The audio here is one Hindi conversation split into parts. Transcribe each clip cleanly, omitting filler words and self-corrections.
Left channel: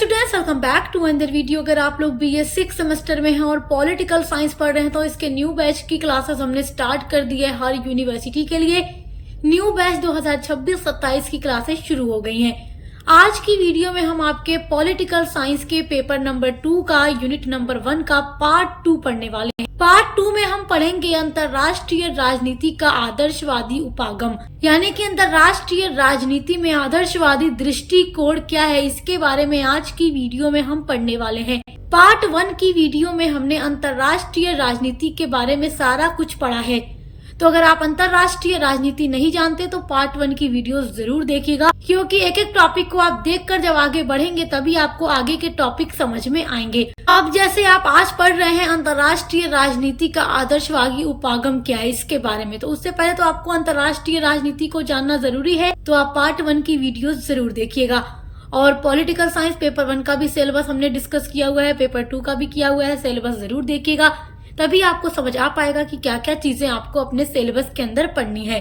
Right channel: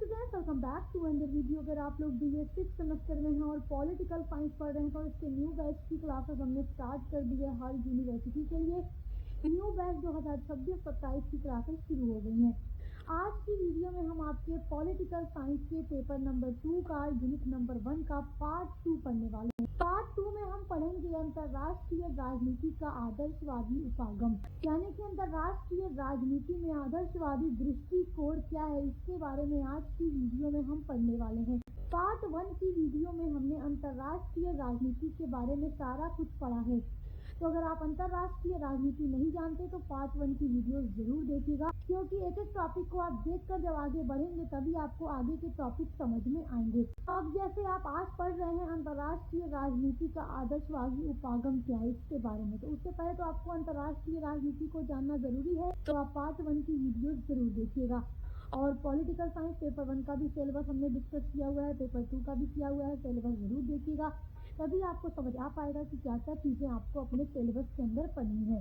Students, welcome back to another video. अगर आप लोग BA 6 सेमेस्टर में हैं और पॉलिटिकल साइंस पढ़ रहे हैं तो इसके न्यू बैच की क्लासेस हमने स्टार्ट कर दी है। हर यूनिवर्सिटी के लिए न्यू बैच 2026-27 की क्लासेस शुरू हो गई हैं। आज की वीडियो में हम आपके पॉलिटिकल साइंस के पेपर नंबर 2 का यूनिट नंबर 1 का पार्ट 2 पढ़ने वाले हैं। पार्ट 2 में हम पढ़ेंगे अंतरराष्ट्रीय राजनीति का आदर्शवादी उपागम, यानी कि अंतरराष्ट्रीय राजनीति में आदर्शवादी दृष्टिकोण क्या है, इसके बारे में आज की वीडियो में हम पढ़ने वाले हैं। पार्ट 1 की वीडियो में हमने अंतरराष्ट्रीय राजनीति के बारे में सारा कुछ पढ़ा है, तो अगर आप अंतरराष्ट्रीय राजनीति नहीं जानते तो पार्ट 1 की वीडियो जरूर देखिएगा, क्योंकि एक एक टॉपिक को आप देखकर जब आगे बढ़ेंगे तभी आपको आगे के टॉपिक समझ में आएंगे। अब जैसे आप आज पढ़ रहे हैं अंतरराष्ट्रीय राजनीति का आदर्शवादी उपागम क्या है इसके बारे में, तो उससे पहले तो आपको अंतरराष्ट्रीय राजनीति को जानना जरूरी है, तो आप पार्ट 1 की वीडियो जरूर देखिएगा। और पॉलिटिकल साइंस पेपर 1 का भी सिलेबस हमने डिस्कस किया हुआ है, पेपर 2 का भी किया हुआ है, सिलेबस जरूर देखिएगा, तभी आपको समझ आ पाएगा कि क्या क्या चीजें आपको अपने सिलेबस के अंदर पढ़नी है।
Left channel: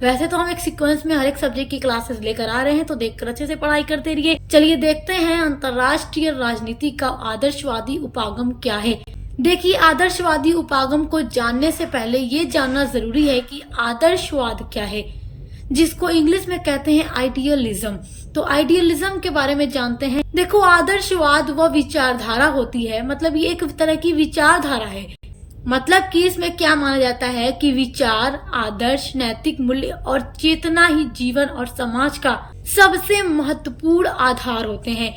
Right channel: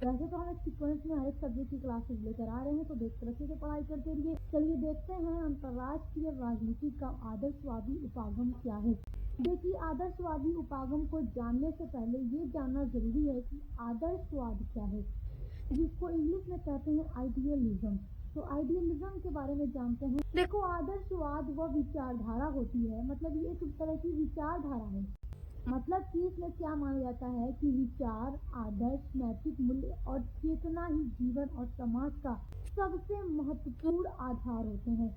वैसे तो हम एक सीक्वेंस में हर एक सब्जेक्ट की क्लासेस लेकर आ रहे हैं, तो देखकर अच्छे से पढ़ाई करते रहिए। चलिए देखते हैं अंतरराष्ट्रीय राजनीति का आदर्शवादी उपागम क्या है। देखिए, आदर्शवादी उपागम को जानने से पहले ये जानना जरूरी है कि आदर्शवाद क्या है, जिसको इंग्लिश में कहते हैं आइडियलिज्म। तो आइडियलिज्म के बारे में जानते हैं। देखो, आदर्शवाद वह विचारधारा होती है, मतलब ये एक तरह की विचारधारा है। मतलब कि इसमें क्या माना जाता है कि विचार, आदर्श, नैतिक मूल्य और चेतना ही जीवन और समाज का सबसे महत्वपूर्ण आधार होते हैं।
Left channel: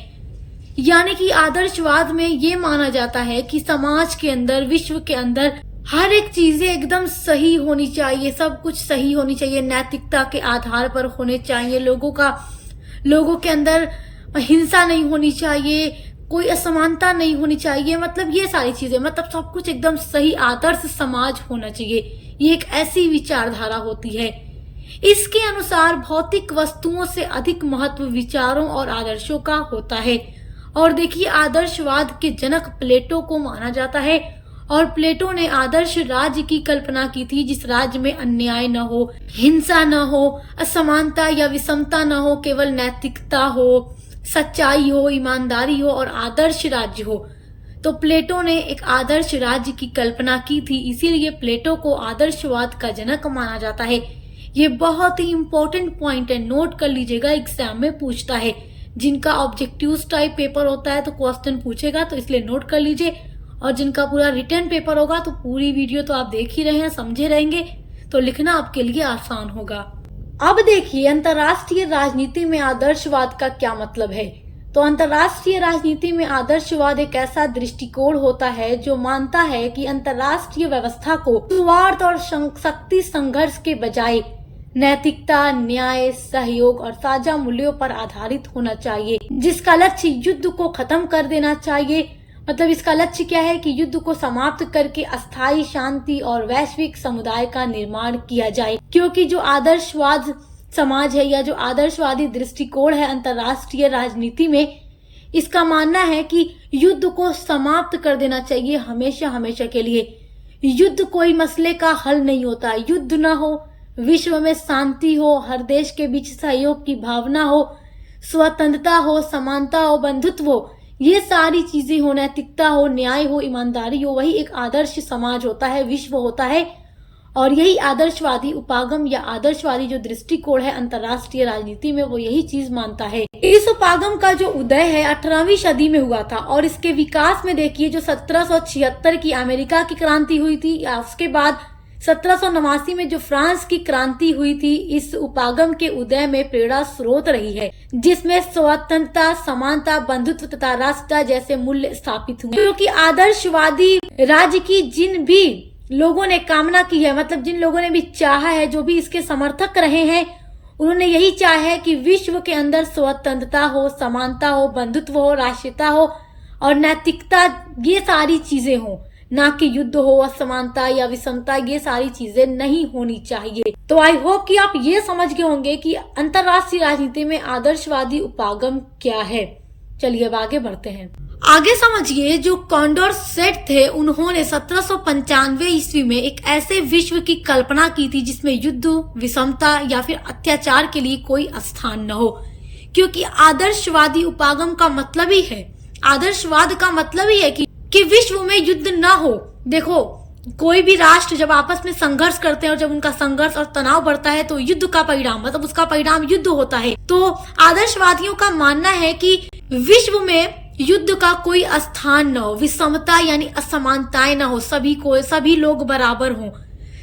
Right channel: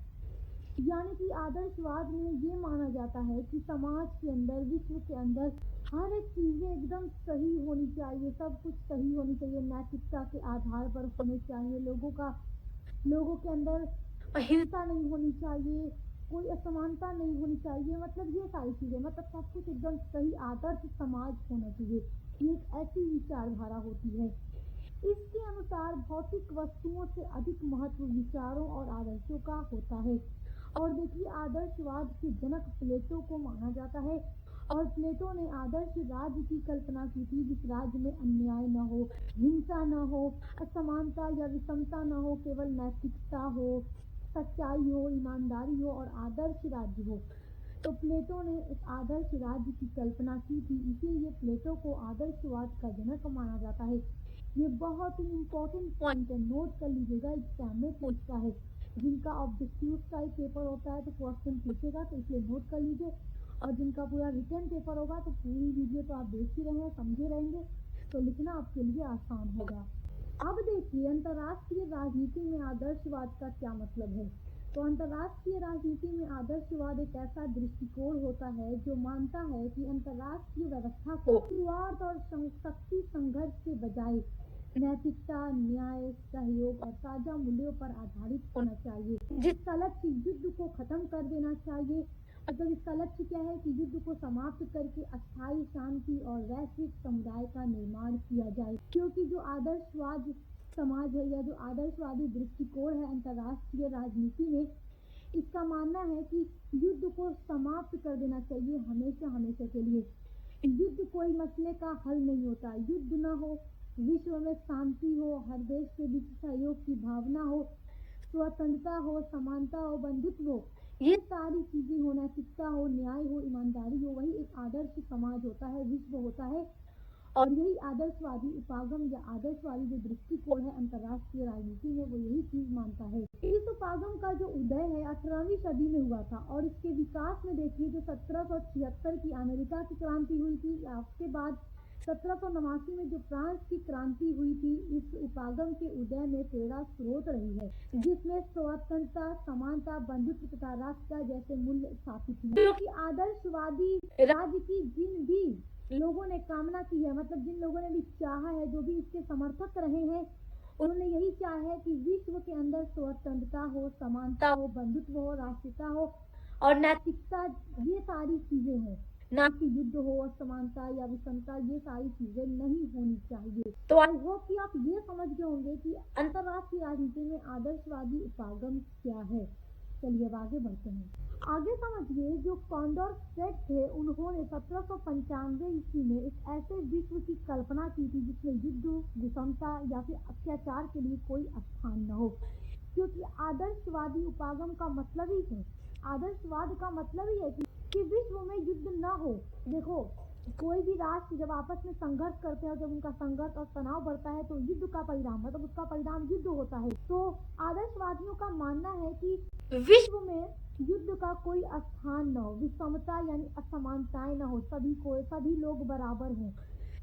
यानी कि आदर्शवाद में ये माना जाता है कि समाज के अंदर, विश्व के अंदर हर एक चीजें एकदम सही होनी चाहिए, सब कुछ सही होनी चाहिए, नैतिकता के आधार पर होने चाहिए, लोगों के अंदर हिंसा नहीं होनी चाहिए, कोई असमानता नहीं होनी चाहिए, मतलब ये सारी चीजें, मतलब सब कुछ एकदम सही आदर्श समाज होना चाहिए। ये एक ऐसी विचारधारा होती है। इसके अनुसार भौतिक वस्तुओं से अधिक महत्व विचारों और आदर्शों का होता है। और देखिए, आदर्शवाद के जनक प्लेटो को माना जाता है, और प्लेटो ने आदर्श राज्य की कल्पना की थी, जिस राज्य में अन्याय न हो, हिंसा न हो, असमानता या विषमता न हो, केवल नैतिकता हो, सच्चाई हो, ईमानदारी हो और आदर्श राज्य हो। तो प्लेटो ने एक आदर्श राज्य की कल्पना की थी, इसीलिए प्लेटो को आदर्शवाद का जनक माना जाता है। ये बहुत ही इंपॉर्टेंट पॉइंट है, नोट कर लीजिएगा, एग्जाम में पूछता है। जिनका ऑब्जेक्टिव टाइप पेपर होता है तो क्वेश्चन पूछेगा, तो इसलिए नोट कर लीजिए। और जिनका पूरा रिटर्न पेपर होगा तो पूरी वीडियो तो आप देख ही रहे हैं, समझे रहेंगे, तो लिखना आपके लिए आसान होगा। अब देखिए, अंतरराष्ट्रीय राजनीति में आदर्शवाद का क्या मतलब है। तो अंतरराष्ट्रीय राजनीति में आदर्शवाद एक ऐसा दृष्टिकोण होता है जो मानता है कि अंतरराष्ट्रीय व्यवस्था को स्वार्थ और शक्ति संघर्ष के बजाय नैतिकता, न्याय, सहयोग और साझा मूल्यों पर आधारित होना चाहिए, जिसका लक्ष्य युद्ध को खत्म कर देना चाहिए। मतलब इसका लक्ष्य क्या है कि युद्ध को समाप्त करके अस्थायी शांति और वैश्विक समुदाय का निर्माण किया जाए। क्योंकि जो आदर्शवाद समाज है या जो आदर्शवादी दृष्टिकोण है अंतरराष्ट्रीय राजनीति में, इसका मानना है कि युद्ध को समाप्त कर देना चाहिए हमेशा हमेशा के लिए। युद्ध कोई मसले का हल नहीं होता। युद्ध ना हो, विश्व में शांति हो, हर देश के बीच सहयोग की भावना हो, स्वतंत्रता हो, समानता हो, बंधुत्व हो, ये सारी चीजें हो, नैतिकता हो, न्याय हो, ईमानदारी हो, वही एक आदर्श समाज होता है, विश्व होता है। और यही आदर्शवादी उपागम या आदर्शवादी जो दृष्टिकोण है अंतरराष्ट्रीय राजनीति में, वो यही चीज मानता है। इस उपागम का जो उदय है 18वीं सदी में हुआ था, और इसके विकास में देखिए, जो 1776 की अमेरिका की क्रांति हुई थी, या उसके बाद 1789 में जो फ्रांस की क्रांति हुई थी, इस उपागम के उदय में प्रेरणा स्रोत रही है, जिसमें स्वतंत्रता, समानता, बंधुत्व तथा राष्ट्रता जैसे मूल्य स्थापित हुए। क्योंकि आदर्शवादी राज्य की जिन भी लोगों ने कामना की है, मतलब जिन लोगों ने भी चाहा है, जो भी इसके समर्थक रहे हैं, उन्होंने यही चाहा है कि विश्व के अंदर स्वतंत्रता हो, समानता हो, बंधुत्व हो, राष्ट्रीयता हो और नैतिकता, ये सारी चीजें हो, ना कि युद्ध हो, असमानता या विषमता, ये सारी चीजें नहीं होनी चाहिए। तो आई होप कि आप ये समझ गए होंगे कि अंतरराष्ट्रीय राजनीति में आदर्शवादी उपागम क्या है। चलिए अब आगे बढ़ते हैं। आगे समझिए, जो कॉन्डोरसेट थे, उन्होंने 1795 ईस्वी में एक ऐसे विश्व की कल्पना की थी जिसमें युद्ध, विषमता या फिर अत्याचार के लिए कोई स्थान न हो। क्योंकि आदर्शवादी उपागम का मतलब ही है, आदर्शवाद का मतलब ही है कि विश्व में युद्ध ना हो। देखो, कोई भी राष्ट्र जब आपस में संघर्ष करते हैं और जब उनका संघर्ष और तनाव बढ़ता है तो युद्ध का परिणाम मतलब उसका परिणाम युद्ध होता है। तो आदर्शवादियों का मानना है कि विश्व में युद्ध का कोई स्थान न हो, विषमता यानी असमानताएं न हो, सभी लोग बराबर हों,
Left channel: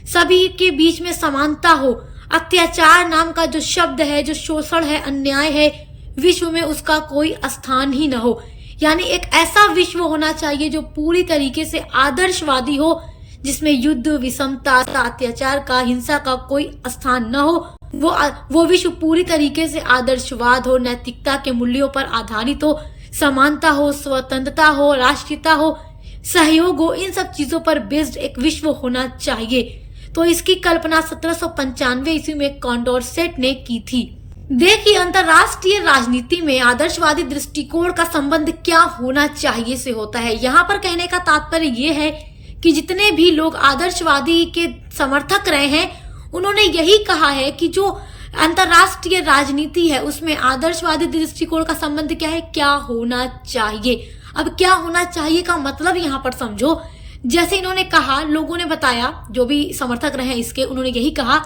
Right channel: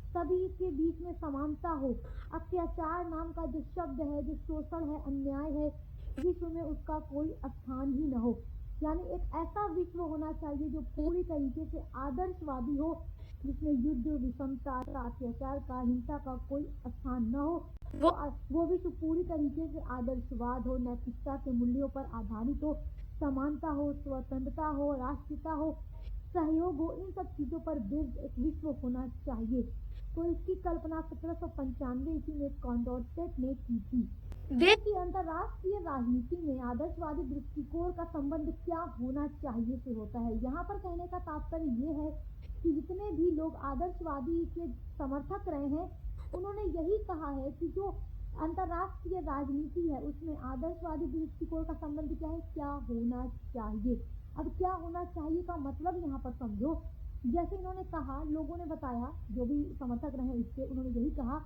सभी के बीच में समानता हो। अत्याचार नाम का जो शब्द है, जो शोषण है, अन्याय है, विश्व में उसका कोई स्थान ही न हो। यानी एक ऐसा विश्व होना चाहिए जो पूरी तरीके से आदर्शवादी हो, जिसमें युद्ध, विषमता, अत्याचार का, हिंसा का कोई स्थान न हो। वो विश्व पूरी तरीके से आदर्शवाद हो, नैतिकता के मूल्यों पर आधारित हो, समानता हो, स्वतंत्रता हो, राष्ट्रीयता हो, सहयोग हो, इन सब चीजों पर बेस्ड एक विश्व होना चाहिए। तो इसकी कल्पना 1795 ईस्वी में कॉन्डोरसेट ने की थी। देखिए, अंतरराष्ट्रीय राजनीति में आदर्शवादी दृष्टिकोण का संबंध क्या होना चाहिए से होता है। यहाँ पर कहने का तात्पर्य ये है कि जितने भी लोग आदर्शवादी के समर्थक रहे हैं, उन्होंने यही कहा है कि जो अंतरराष्ट्रीय राजनीति है उसमें आदर्शवादी दृष्टिकोण का संबंध क्या है, क्या होना चाहिए। अब क्या होना चाहिए का मतलब यहाँ पर समझो। जैसे इन्होंने कहा, लोगों ने बताया, जो भी समर्थक रहे इसके, उन्होंने यही कहा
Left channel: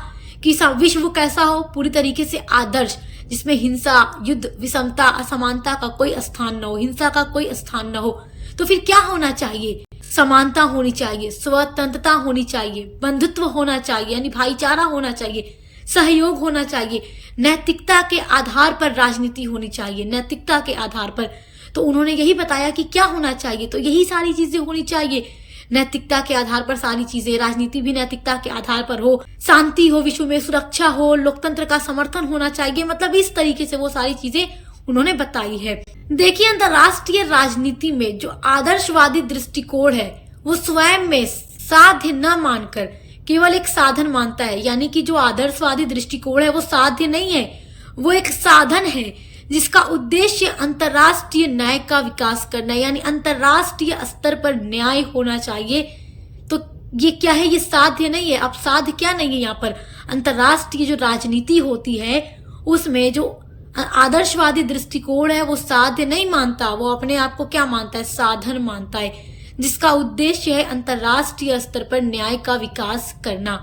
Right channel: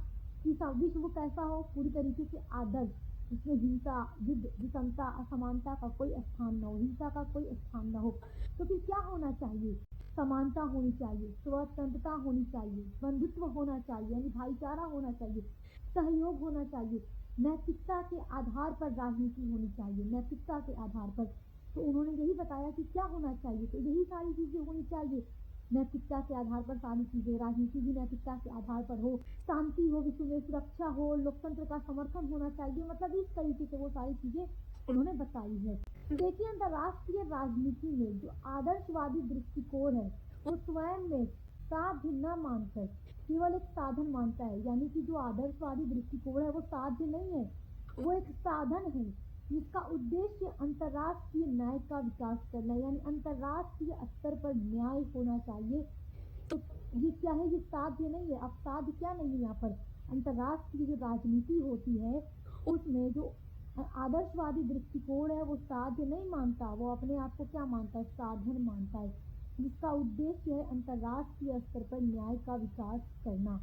कि विश्व कैसा हो, पूरी तरीके से आदर्श, जिसमें हिंसा, युद्ध, विषमता, असमानता का कोई स्थान न हो, हिंसा का कोई स्थान न हो। तो फिर क्या होना चाहिए? समानता होनी चाहिए, स्वतंत्रता होनी चाहिए, बंधुत्व होना चाहिए यानी भाईचारा होना चाहिए, सहयोग होना चाहिए, नैतिकता के आधार पर राजनीति होनी चाहिए, नैतिकता के आधार पर। तो उन्होंने यही बताया कि क्या होना चाहिए, तो यही सारी चीजें होनी चाहिए। नैतिकता के आधार पर सारी चीजें, राजनीति भी नैतिकता के आधार पर हो, शांति हो, विश्व में सुरक्षा हो, लोकतंत्र का समर्थन होना चाहिए। मतलब इस तरीके से वो सारी चीजें उन्होंने बताई है। देखिए, अंतरराष्ट्रीय राजनीति में जो आदर्शवादी दृष्टिकोण है वो स्वयं में साध्य न मानकर केवल एक साधन मानता है। यानी कि जो आदर्शवादी दृष्टिकोण है वो साध्य नहीं है, वो एक साधन है जिसका उद्देश्य अंतरराष्ट्रीय न्याय का विकास करना है। यानी अंतरराष्ट्रीय स्तर पर न्याय होना चाहिए। तो ये क्या है? ये साध्य नहीं है। अब साध्य क्या नहीं है यहाँ पर? अंतरराष्ट्रीय जो राजनीति होती है उसमें जो आदर्शवादी दृष्टिकोण है वो साध्य नहीं मानता, वो अपने आप को क्या मानता है? साधन मानता है, जिसका उद्देश्य है अंतरराष्ट्रीय स्तर पर न्याय का विकास करना।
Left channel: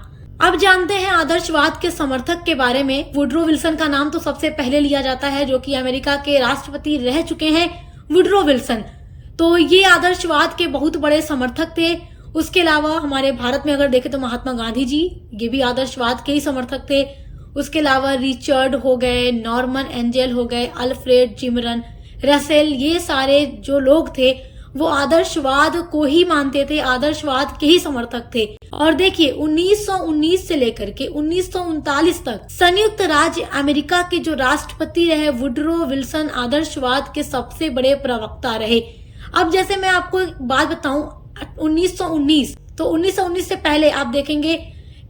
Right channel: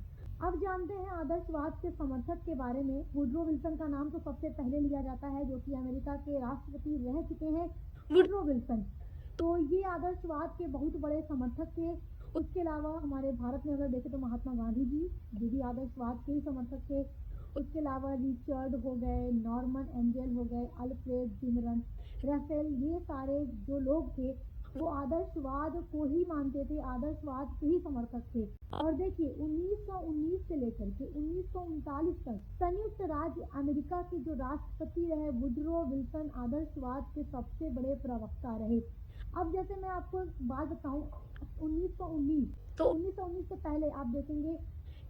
अब जानते हैं आदर्शवाद के समर्थक के बारे में। वुडरो विल्सन का नाम तो सबसे पहले लिया जाता है, जो कि अमेरिका के राष्ट्रपति रह चुके हैं, वुडरो विल्सन। तो ये आदर्शवाद के बहुत बड़े समर्थक थे। उसके अलावा हमारे भारत में अगर देखें तो महात्मा गांधी जी, ये भी आदर्शवाद के ही समर्थक थे। उसके अलावा रिचर्ड हो गए, नॉर्मन एंजेल हो गए, अल्फ्रेड जिमरन रसेल, ये सारे जो लोग थे वो आदर्शवाद को ही मानते थे, आदर्शवाद के ही समर्थक थे। और देखिए 1919 से लेकर के 1939 तक संयुक्त राज्य अमेरिका के जो राष्ट्रपति रहे वुडरो विल्सन आदर्शवाद के सबसे बड़े प्रवक्ता रहे। अब जैसे मैं आपको एक बात बताऊं, 1919 तो 1919 से पहले आप देखेंगे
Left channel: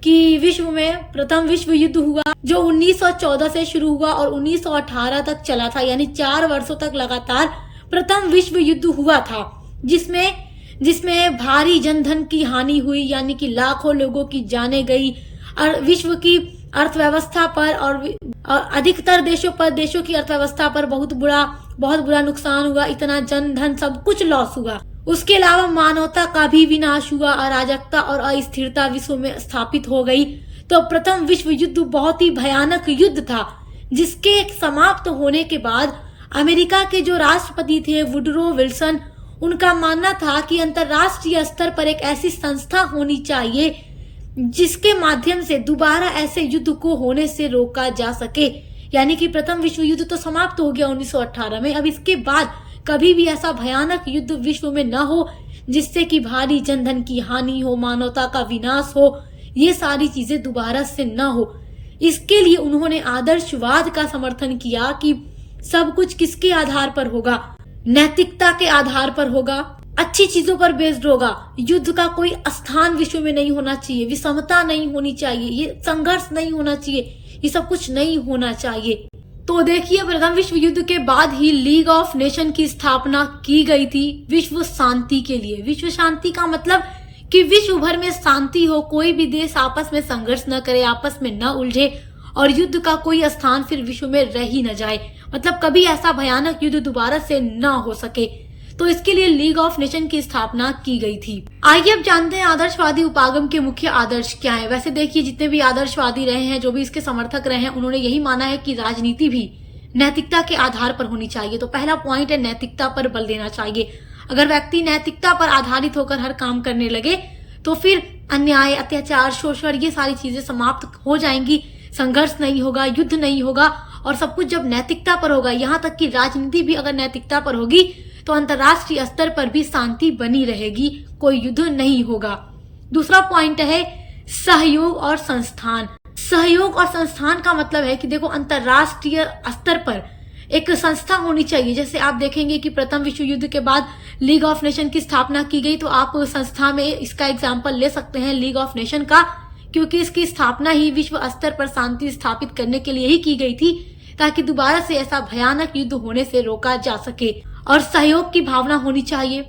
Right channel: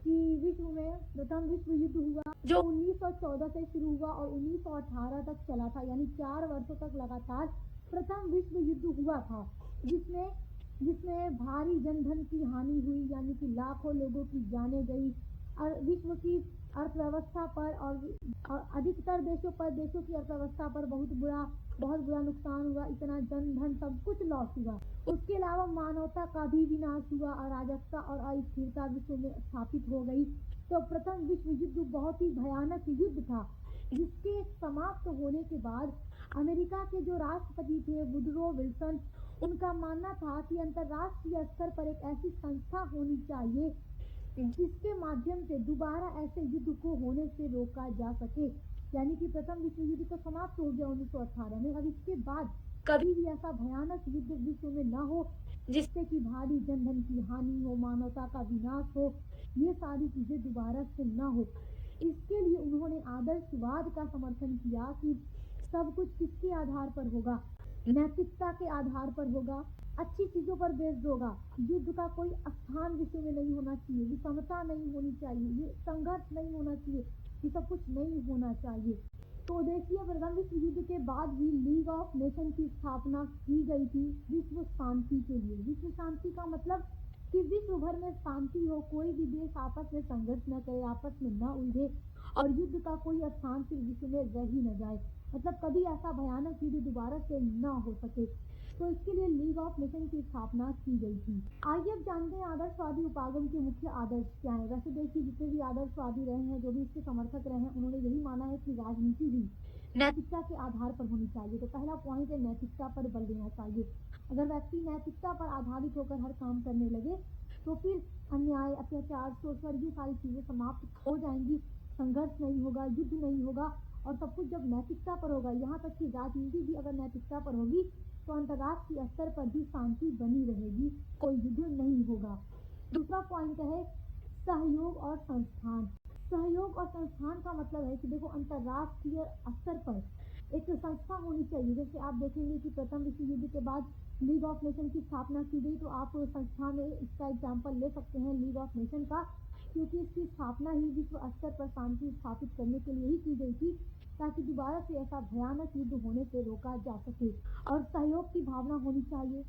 कि विश्व में प्रथम विश्व युद्ध हुआ, जो 1914 से शुरू हुआ और 1918 तक चला था। यानी 4 वर्षों तक लगातार प्रथम विश्व युद्ध हुआ था, जिसमें भारी जनधन की हानि हुई, यानी कि लाखों लोगों की जानें गई और विश्व की अर्थव्यवस्था पर और अधिकतर देशों की अर्थव्यवस्था पर बहुत बुरा नुकसान हुआ। इतना जनधन सब कुछ लॉस हुआ। उसके अलावा मानवता का भी विनाश हुआ, अराजकता और अस्थिरता विश्व में स्थापित हो गई। तो प्रथम विश्व युद्ध बहुत ही भयानक युद्ध था, जिसके समाप्त होने के बाद अमेरिका के जो राष्ट्रपति थे वुडरो विल्सन, उनका मानना था कि अंतरराष्ट्रीय स्तर पर एक ऐसी संस्था होनी चाहिए जिसके माध्यम से दोबारा ऐसे युद्ध को होने से रोका जा सके। यानी कि प्रथम विश्व युद्ध तो समाप्त हो गया 1918 में, अब इसके बाद कभी भी ऐसा भयानक युद्ध विश्व में न हो जिससे कि भारी जनधन की हानि हो, मानवता का विनाश हो, ये सारी चीजें दोबारा से न हो। इसके लिए उन्होंने आदर्शवाद का समर्थन किया कि सब कुछ किसके आधार पर होगा? नैतिकता के आधार पर होगा, अच्छी चीजों पर बेस्ड होगा। युद्ध का कोई स्थान विश्व में नहीं होना चाहिए, विषमता नहीं होनी चाहिए, ये संघर्ष नहीं होना चाहिए, ये सब कुछ नहीं होना चाहिए। तो देखिए, प्रथम विश्व युद्ध के बाद ही लीग ऑफ नेशन की स्थापना की गई थी विश्व शांति के लिए। विश्व शांति का मतलब कि विश्व भर में शांति हो, कोई भी देश आपस में संघर्ष न करे, आपस में न उलझे और युद्ध का कोई स्थान फिर विश्व में रह ही न जाए, मतलब कभी ऐसा भयानक युद्ध दोबारा से न हो सके। तो इसके लिए लीग ऑफ नेशन की स्थापना की गई थी। आइए अब जानते हैं आदर्शवादी उपागम के मुख्य आदर्श क्या है। वैसे देखिए, जितने भी आदर्शवादी रहे हैं, जो भी इसके समर्थक रहे हैं, उन्होंने यही माना है कि राजनीति भी नैतिकता के आधार पर होनी चाहिए। तो पहला पॉइंट है, नैतिकता पर बल देना चाहिए। अगर व्यक्ति नैतिकता पर आधारित होकर हर काम करने लगे तो फिर अन्याय, अत्याचार, शोषण, ये सारी चीजें समाप्त हो जाएंगी। संघर्ष नहीं होगा, युद्ध नहीं होगा, और सब कुछ जब नैतिकता पर होगा, यहाँ तक कि राजनीति भी अगर नैतिकता पर होगी तो अंतर्राष्ट्रीय स्तर पर भी शांति बनी रहेगी, कोई युद्ध नहीं होगा। दूसरा पॉइंट है सहयोग और संस्थान। सहयोग और संस्थान का मतलब है कि देखो, अंतर्राष्ट्रीय स्तर पर एक संस्था होनी चाहिए। जैसे आप देखेंगे कि प्रथम विश्व युद्ध के बाद लीग ऑफ नेशन की स्थापना की गई, तो आप संस्था में इसका एग्जाम्पल ले सकते हैं लीग ऑफ नेशन का, क्योंकि इसकी स्थापना ही विश्व स्तर पर शांति स्थापित करने के लिए ही की गई थी, ताकि दोबारा से ऐसा भयानक युद्ध होने से रोका जा सके। और सहयोग की भावना होनी चाहिए,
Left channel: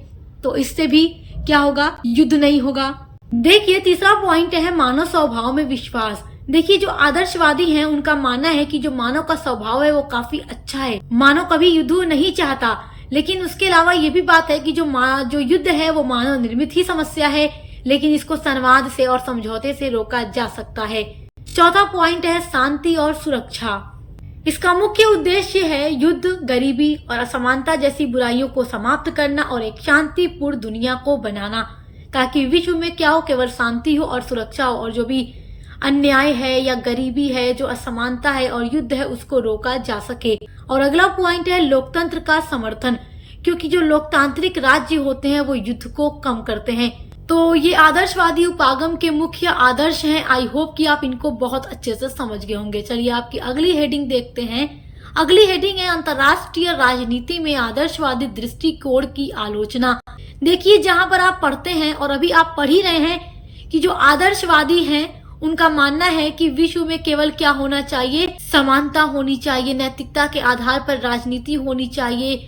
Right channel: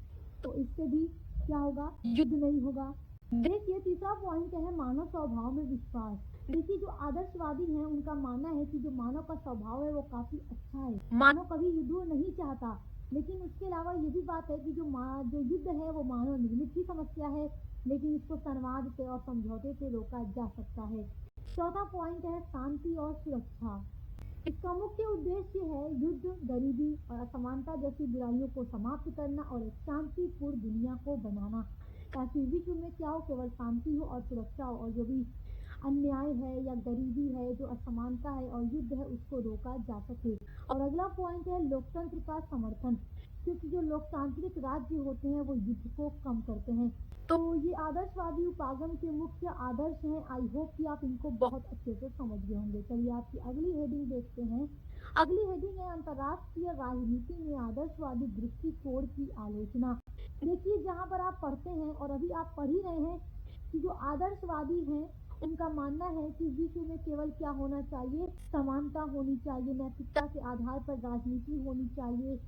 तो इससे भी क्या होगा, युद्ध नहीं होगा। देखिए, तीसरा पॉइंट है मानव स्वभाव में विश्वास। देखिए, जो आदर्शवादी हैं उनका मानना है कि जो मानव का स्वभाव है वो काफी अच्छा है। मानव कभी युद्ध नहीं चाहता, लेकिन उसके अलावा ये भी बात है कि जो युद्ध है वो मानव निर्मित ही समस्या है, लेकिन इसको संवाद से और समझौते से रोका जा सकता है। चौथा पॉइंट है शांति और सुरक्षा। इसका मुख्य उद्देश्य है युद्ध, गरीबी और असमानता जैसी बुराइयों को समाप्त करना और एक शांतिपूर्ण दुनिया को बनाना, ताकि विश्व में क्या हो, केवल शांति हो और सुरक्षा हो, और जो भी अन्याय है या गरीबी है, जो असमानता है और युद्ध है, उसको रोका जा सके। और अगला पॉइंट है लोकतंत्र का समर्थन, क्योंकि जो लोकतांत्रिक राज्य होते हैं वो युद्ध को कम करते हैं। तो ये आदर्शवादी उपागम के मुख्य आदर्श हैं। आई होप कि आप इनको बहुत अच्छे से समझ गए होंगे। चलिए आपकी अगली हेडिंग देखते हैं। अगली हेडिंग है अंतर्राष्ट्रीय राजनीति में आदर्शवादी दृष्टिकोण की आलोचना। देखिए, जहां पर आप पढ़ते हैं और अभी आप पढ़ ही रहे हैं कि जो आदर्शवादी हैं उनका मानना है कि विश्व में केवल क्या होना चाहिए, समानता होनी चाहिए, नैतिकता के आधार पर राजनीति होनी चाहिए,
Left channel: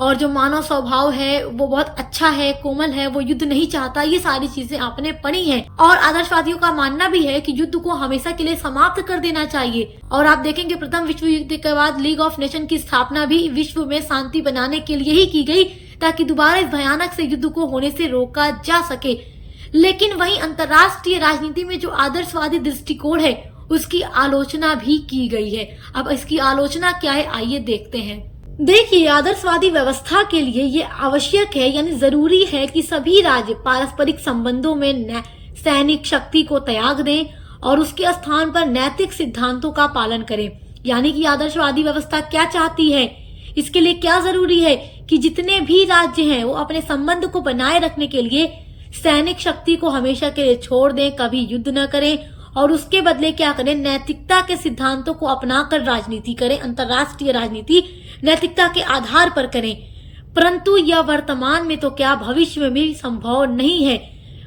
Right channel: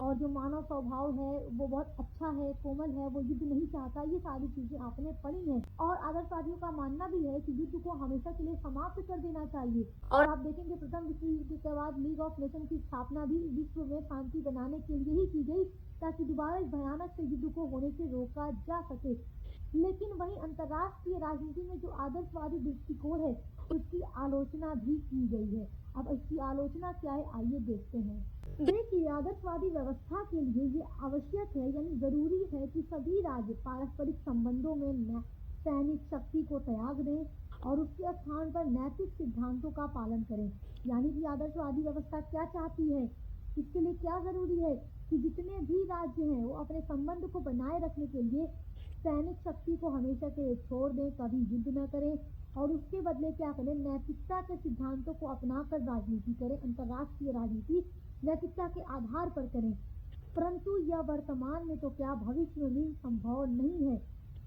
और जो मानव स्वभाव है वो बहुत अच्छा है, कोमल है, वो युद्ध नहीं चाहता। ये सारी चीजें आपने पढ़ी हैं। और आदर्शवादियों का मानना भी है कि युद्ध को हमेशा के लिए समाप्त कर देना चाहिए। और आप देखेंगे प्रथम विश्व युद्ध के बाद लीग ऑफ नेशन की स्थापना भी विश्व में शांति बनाने के लिए ही की गई, ताकि दोबारा इस भयानक से युद्ध को होने से रोका जा सके। लेकिन वहीं अंतर्राष्ट्रीय राजनीति में जो आदर्शवादी दृष्टिकोण है उसकी आलोचना भी की गई है। अब इसकी आलोचना क्या है, आइए देखते हैं। देखिए, आदर्शवादी व्यवस्था के लिए ये आवश्यक है, यानी जरूरी है कि सभी राज्य पारस्परिक संबंधों में सैनिक शक्ति को त्याग दें और उसके स्थान पर नैतिक सिद्धांतों का पालन करें। यानी कि आदर्शवादी व्यवस्था क्या चाहती है, इसके लिए क्या जरूरी है कि जितने भी राज्य हैं वो अपने संबंध को बनाए रखने के लिए सैनिक शक्ति को हमेशा के लिए छोड़ दें, कभी युद्ध न करें, और उसके बदले क्या करें, नैतिकता के सिद्धांतों को अपनाकर राजनीति करें। अंतर्राष्ट्रीय राजनीति नैतिकता के आधार पर करें। परंतु यह वर्तमान में तो क्या, भविष्य में भी संभव नहीं है।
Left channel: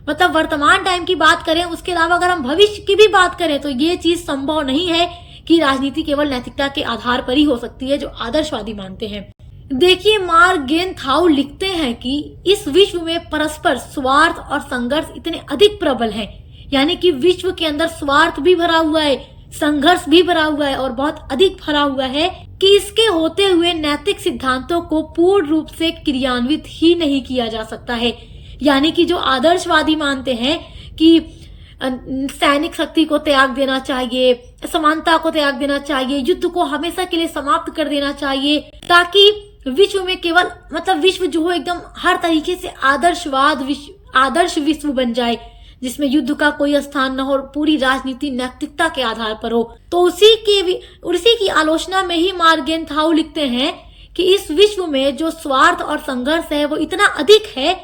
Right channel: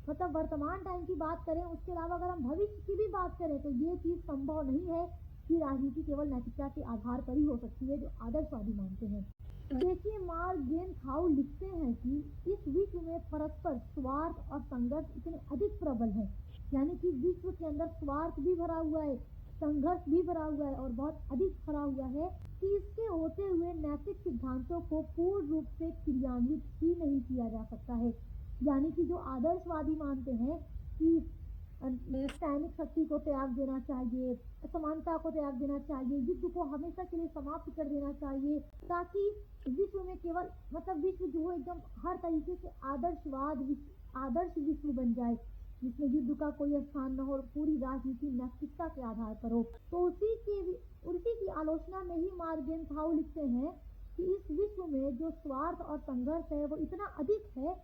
मतलब वर्तमान टाइम की बात करें, उसके अलावा अगर हम भविष्य की भी बात करें तो ये चीज संभव नहीं है कि राजनीति केवल नैतिकता के आधार पर ही हो सकती है, जो आदर्शवादी मानते हैं। देखिए, मार्गेनथाउ लिखते हैं कि इस विश्व में परस्पर स्वार्थ और संघर्ष इतने अधिक प्रबल हैं, यानी कि विश्व के अंदर स्वार्थ भी भरा हुआ है, संघर्ष भी भरा हुआ है और बहुत अधिक भरा हुआ है, कि इसके होते हुए नैतिक सिद्धांतों को पूर्ण रूप से क्रियान्वित ही नहीं किया जा सकता है। यानी कि जो आदर्शवादी मानते हैं कि सैनिक शक्ति को त्याग देना चाहिए, समानता को त्याग देना चाहिए, युद्ध को हमेशा के लिए समाप्त कर देना चाहिए, ताकि विश्व में केवल, मतलब विश्व जो हो एकदम हर तरीके से आदर्श विश्व बन जाए, जिसमें युद्ध का कोई स्थान न हो, पूरी राजनीति नैतिकता के आधार पर हो। तो उसी की आलोचना में ही मार्गेनथाउ लिखते हैं कि इस विश्व में जो स्वार्थ और संघर्ष है वो इतना अधिक है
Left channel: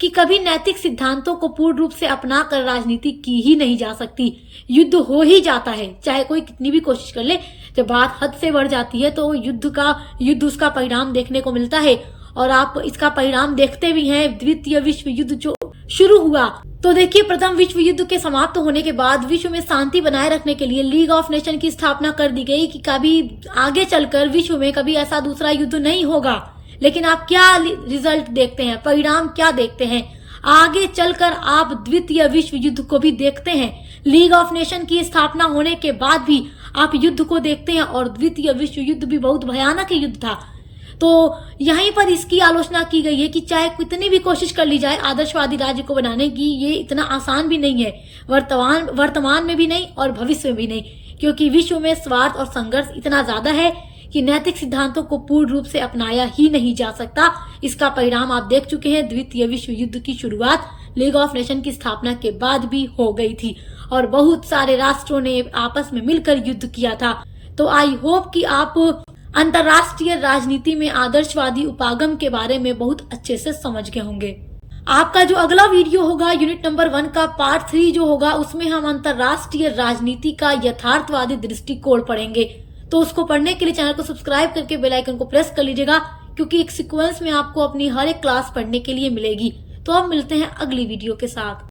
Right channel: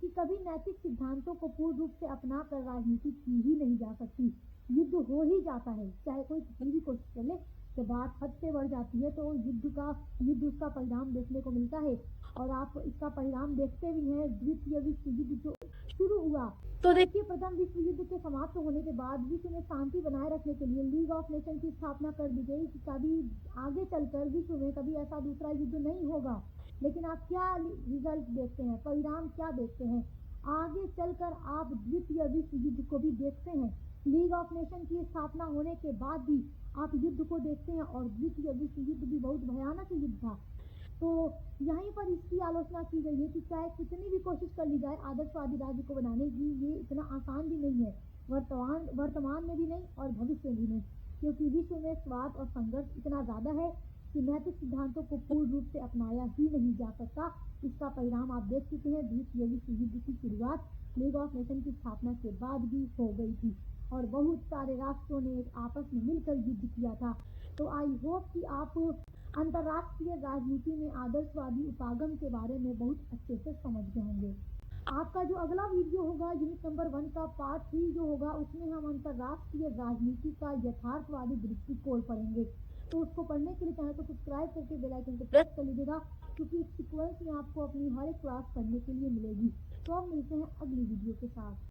कि कभी नैतिक सिद्धांतों को पूर्ण रूप से अपना कर राजनीति की ही नहीं जा सकती। युद्ध हो ही जाता है, चाहे कोई कितनी भी कोशिश कर ले। जब बात हद से बढ़ जाती है तो युद्ध उसका परिणाम देखने को मिलता है, और आप इसका परिणाम देखते भी हैं। द्वितीय विश्व युद्ध जो शुरू हुआ, तो देखिए, प्रथम विश्व युद्ध के समाप्त होने के बाद विश्व में शांति बनाए रखने के लिए लीग ऑफ नेशन की स्थापना कर दी गई कि कभी आगे चलकर विश्व में कभी ऐसा दूसरा युद्ध नहीं होगा। लेकिन आप क्या रिजल्ट देखते हैं, परिणाम क्या देखते हैं? आगे चलकर आप द्वितीय विश्व युद्ध को भी देखते हैं। लीग ऑफ नेशन की स्थापना होने के बाद भी आप युद्ध को देखते हैं और द्वितीय विश्व युद्ध भी बहुत भयानक युद्ध था। तो यहीं पर इसकी आलोचना की गई है कि चाहे कितनी भी कोशिश कर ली जाए आदर्शवादी राज्य को बनाने की, ये इतना आसान भी नहीं है, वर्तमान में भी नहीं और भविष्य में भी नहीं, क्योंकि विश्व में स्वार्थ और संघर्ष इतना ज्यादा है कि नैतिक सिद्धांतों को पूर्ण रूप से अपनाया ही नहीं जा सकता। इसका परिणाम आप देख चुके हैं। द्वितीय विश्व युद्ध की शुरुआत लीग ऑफ नेशन की स्थापना के बाद भी हो गई थी और बहुत सारे राष्ट्रों ने आपस में मिलकर युद्ध किया था। तो आई होप कि आप अंतरराष्ट्रीय राजनीति में आदर्शवादी उपागम के बारे में बहुत अच्छे से समझ गए होंगे। आपका जो अगला वीडियो होगा यूनिट नंबर 1 का पार्ट 3 जो होगा, उसमें हम अंतरराष्ट्रीय राजनीति का यथार्थवादी दृष्टिकोण पढ़ेंगे। तो उसको पढ़ने के लिए चैनल को सब्सक्राइब करके बेल आइकन को प्रेस कर लीजिएगा, क्योंकि एक सीक्वेंस में आपको अपनी हर एक क्लास पढ़ने के लिए मिलेगी। तो अब मिलते हैं अगली वीडियो के साथ।